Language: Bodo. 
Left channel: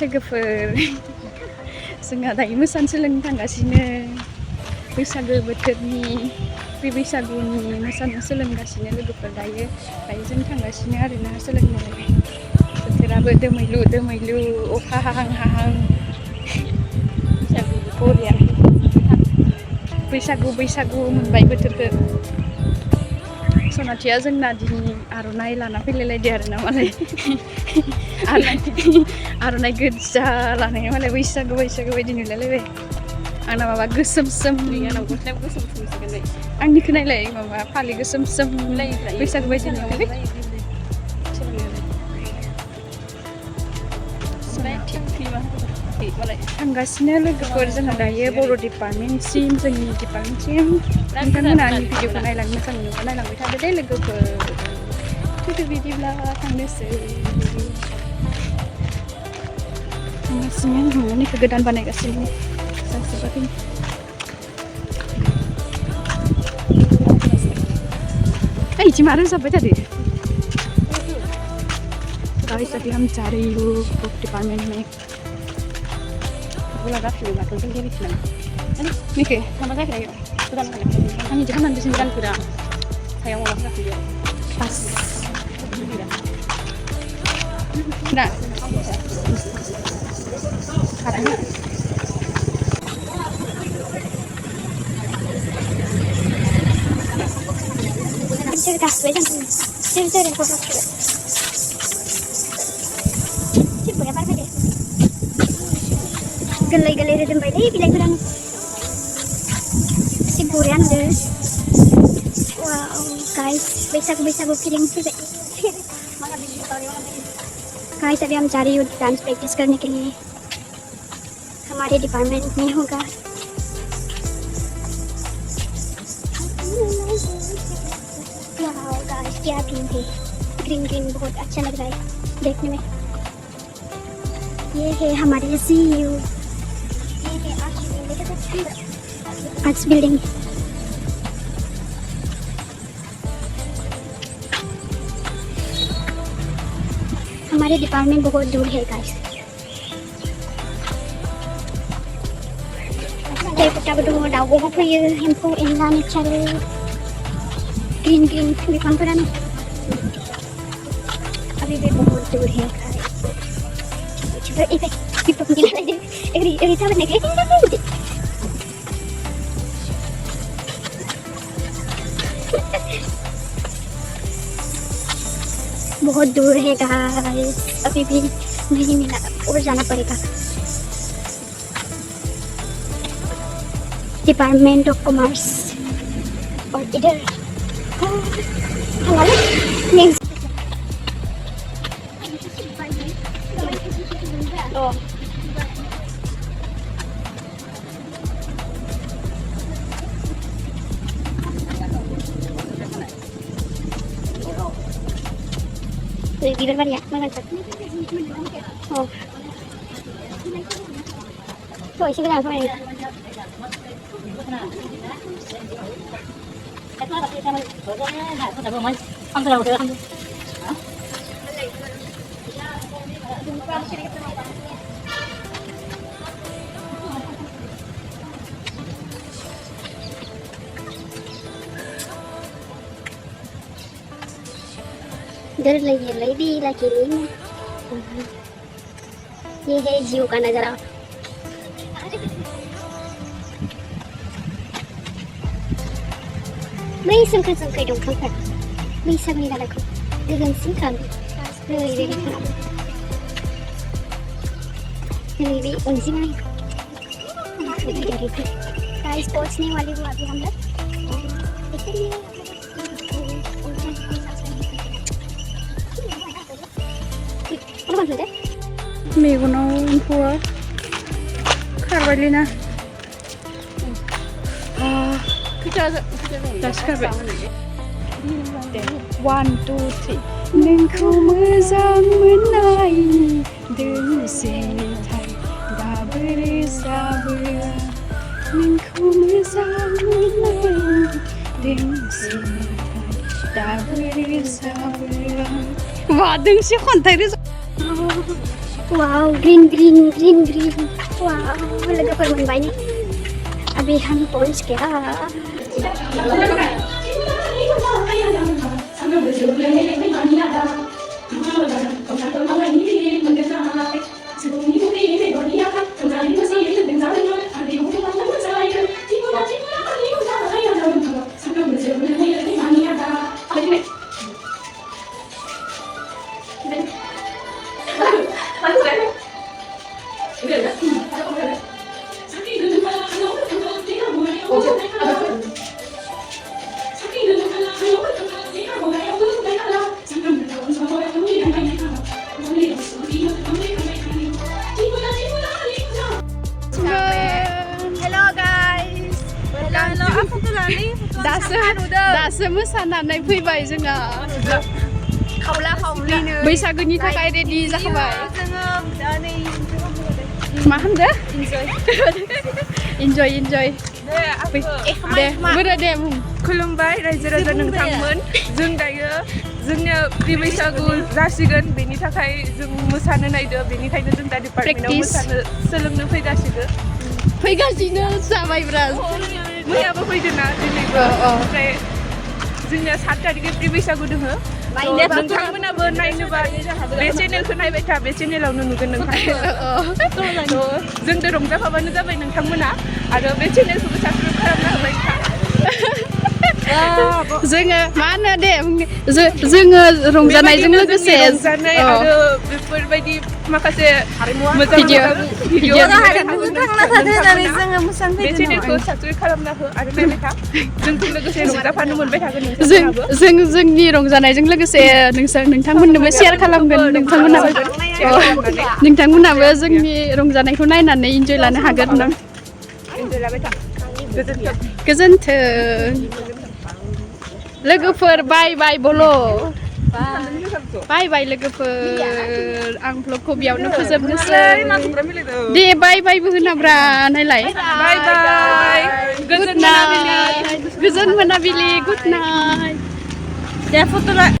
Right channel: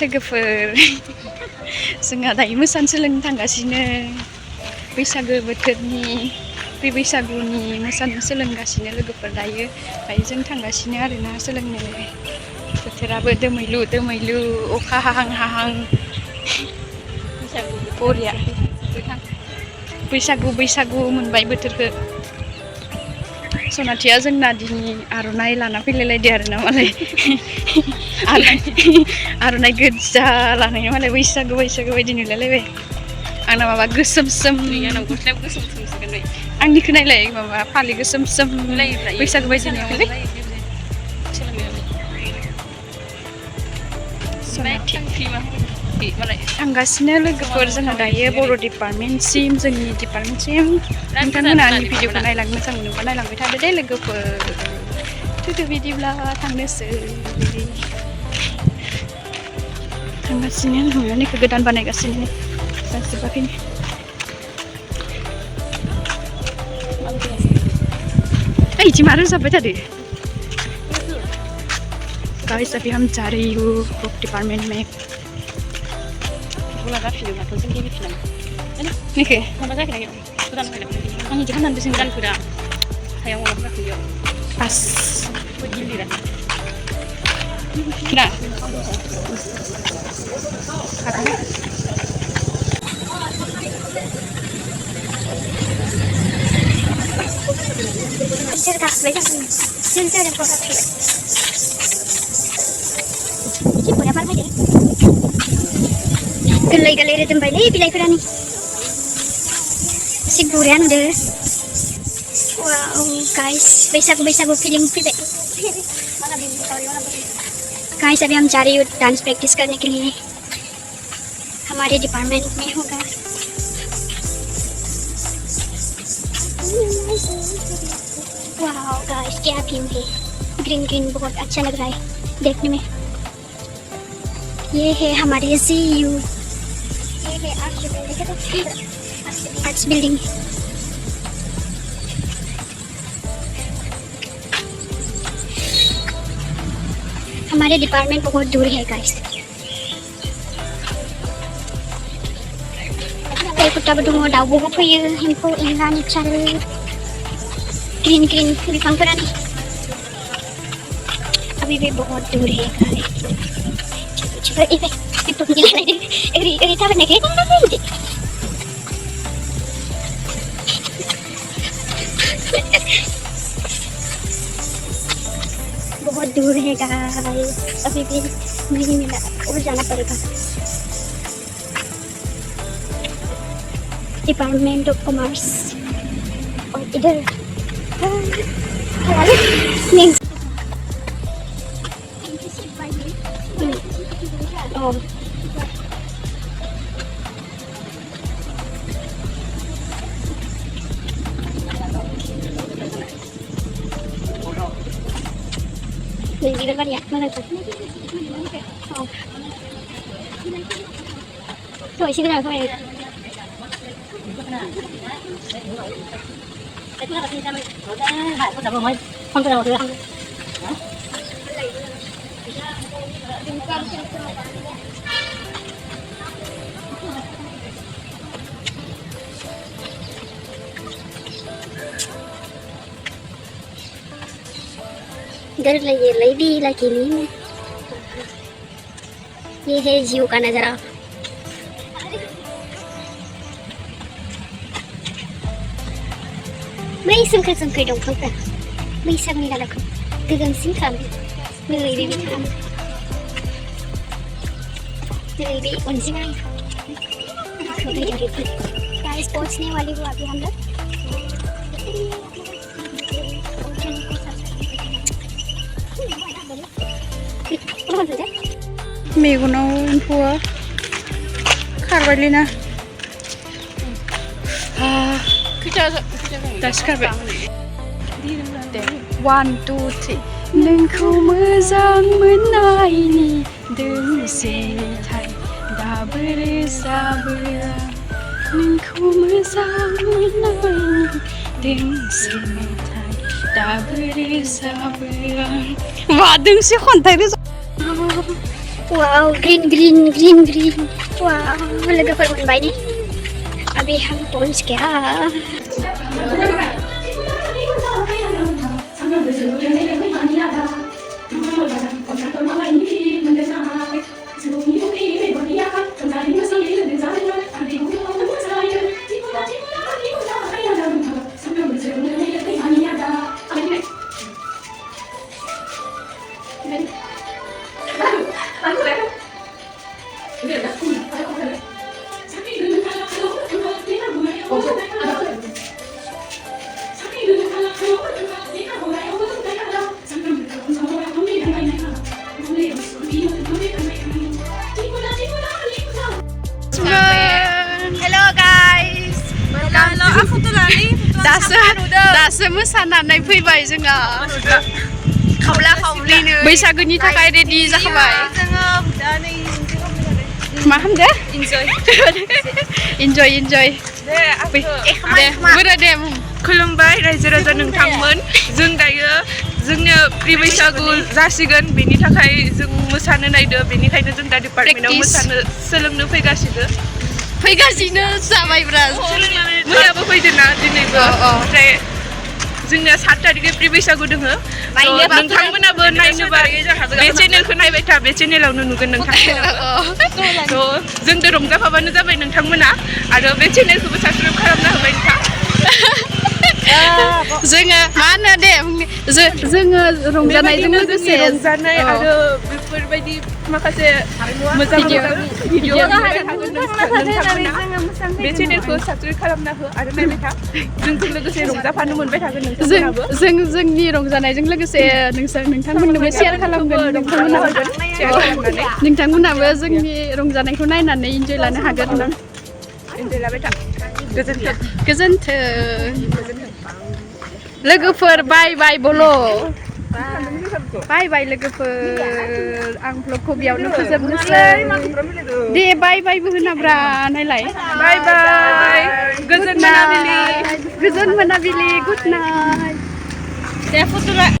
लोगोफोर जोंहा दायो मोसानो सोलोंनो थांगासिनो बैसागो बोथोरनि बे बैसागुनि मोसानो सोलोंगासिनो लोगोफोर दायो जों थांगासिनो आरोना सोलोंनो बोथोराबो दोमैलु अखा हाहां बरिया बैसागु मोनबाय बोथोरखौ सनाथिया जोंना दिनै आर'नाइ लाना फैलायलायदो आरोना मालाय आर'नाइ गोजा लानाया मालाय बैसागु बायदि नुलायलायबाय आंना माबा गोसोम गस्लायाव गोसोमसोगोन आंनिखौ नायलाय माबा फालि गोसोम बैसागु बायदि नुयोलै थांगासिनो लोगोफोर जोंहा दायो बर' डिपार्टमेन्टसिम जोंनि डिपार्टमेन्टसिम नोंथांमोना आंनि भिडिअखौ नायलांनो मोजां मोनोबा नायलांबाय थादो दे लोगोफोर थुदो बिदिब्ला थांनोसै थांगासिनो न'निखौ गोदान बानायगासिनो जाजोबाखैनो इदि मा रोजाबबाय थादो Guys, अभी हम जा रही हूँ बुक डिपार्टमेंट में निके आंनि जाहोन बेसेन गानफोरा सायाव माबाफोरा पास ना गोरलै रोदोमबायलै बिलाइफोरानो एसे बरिया नुदो वाव गाइस बैसागु फिलिंग फैबाय गाइस अभी हम जा रही हूँ डांस प्रैक्टिस करने के लिए हमारे डिपार्टमेंट में होगा वाव गाइस क्या थीम है ग्रीन बहुत अच्छा लग रहा है देखने में ये है हमारे CU आर्ट्स बिल्डिंग हमारे डिपार्टमेंट बहुत दूर है गाइस दाउ बहुत फैयो एम्फौ एनला नेचारेल ग्रीन बिफांफोरानो अभी भी बहुत दूर है गाइस बहुत दूर है गाइस अभी भी नहीं मिला और जाना पड़ेगा डिपार्टमेंट ऑफ कॉमर्स और इधर Di depan ya, mana tuh? Oh, tuh isi kenal kau ya? Không thể nào được. इधर ये लेडी लकीली ये है जीव का नजारा मैं सोमखोर दंफांफोरा बैसागुनि दालायखौ गोजोंसिन खालामो ओरैबायदि खालामो दिनै बे अरिजिनल गाइस पहुंचने वाले वो अभी हम लोग मेगनाव एम्फौआ खारबायलैना दासो खारबाय 1 2 3 नोंखौ मोजां मोननायनि दोंसे मेथाइ दाबो रोजाबो नोंखौ मोजां मोननायनि दोंसे मेथाइ दाबो रोजाबो वा दोंसे खन्थाइ रोजाब Wow, green. Wow, logoफोर मोनबाय nih. Abi handphone sekarang. Hello guys. Halo, aku tuh Lani. दासो मोसानानै फैबाय जोङो खावला-खावलिनो बैसागुनि थाखाय रेडि जाखाबाय जोङो दा नै मा खालामदो इन्जय दे बोरो दे खुलुमबाय रायजो राजा नोंथांमोन जों दायो जोंनो प्रि बैसागु जासिगोन बेनि थाखाय जों मोसानो नायदो बेनिखायनो जों दा डिपार्टमेन्टआव मोसानो सोलोंनो फैगासिनो जाबायब्रा मैयाबो फैदोंना दिनैबो ओमफ्राय जोंनिया 7 तारिखै प्रि बैसागु दोङो नोंथांमोनाबो नायनोबा बे चेनेलखौ नायबाय था बे चेनेलावनो नुगोन नोंथांमोनाबो जोंजों रंजाफाबानो जाबाय नोंथांमोना आरो बे चेनेलखौबो साबस्क्राइब खालामना होबाय था जोङो मा होनो दे जोङो रंजानायजों लोगोसे रंजानाय आरो बेफोरबायदि माखासे मोजां भिडिअ नोंथांमोना बे चेनेलखौ साबस्क्राइब खालामना हो आरो नायबाय था जोंजों लोगोसे रंजाफानो मोनबाय थागोन नोंथांमोनाबो जों जोंनि रंजानायजों लोगोसे नोंथांमोननोबो शेयार खालामगोन नोंथांमोनाबो जोंनि रंजानायखौ नायनानै इन्जय लानो हागोन इन्जय लाबाय था गोजोन्थों लोगोफोर बाय बलो बाय लोगोफोर आं भ्लगखौ बेयावनो फोजोबनोसै दे बायबो होनाब्रा नायलाय बाय गोजोन मोनाबिलि गुड नाइट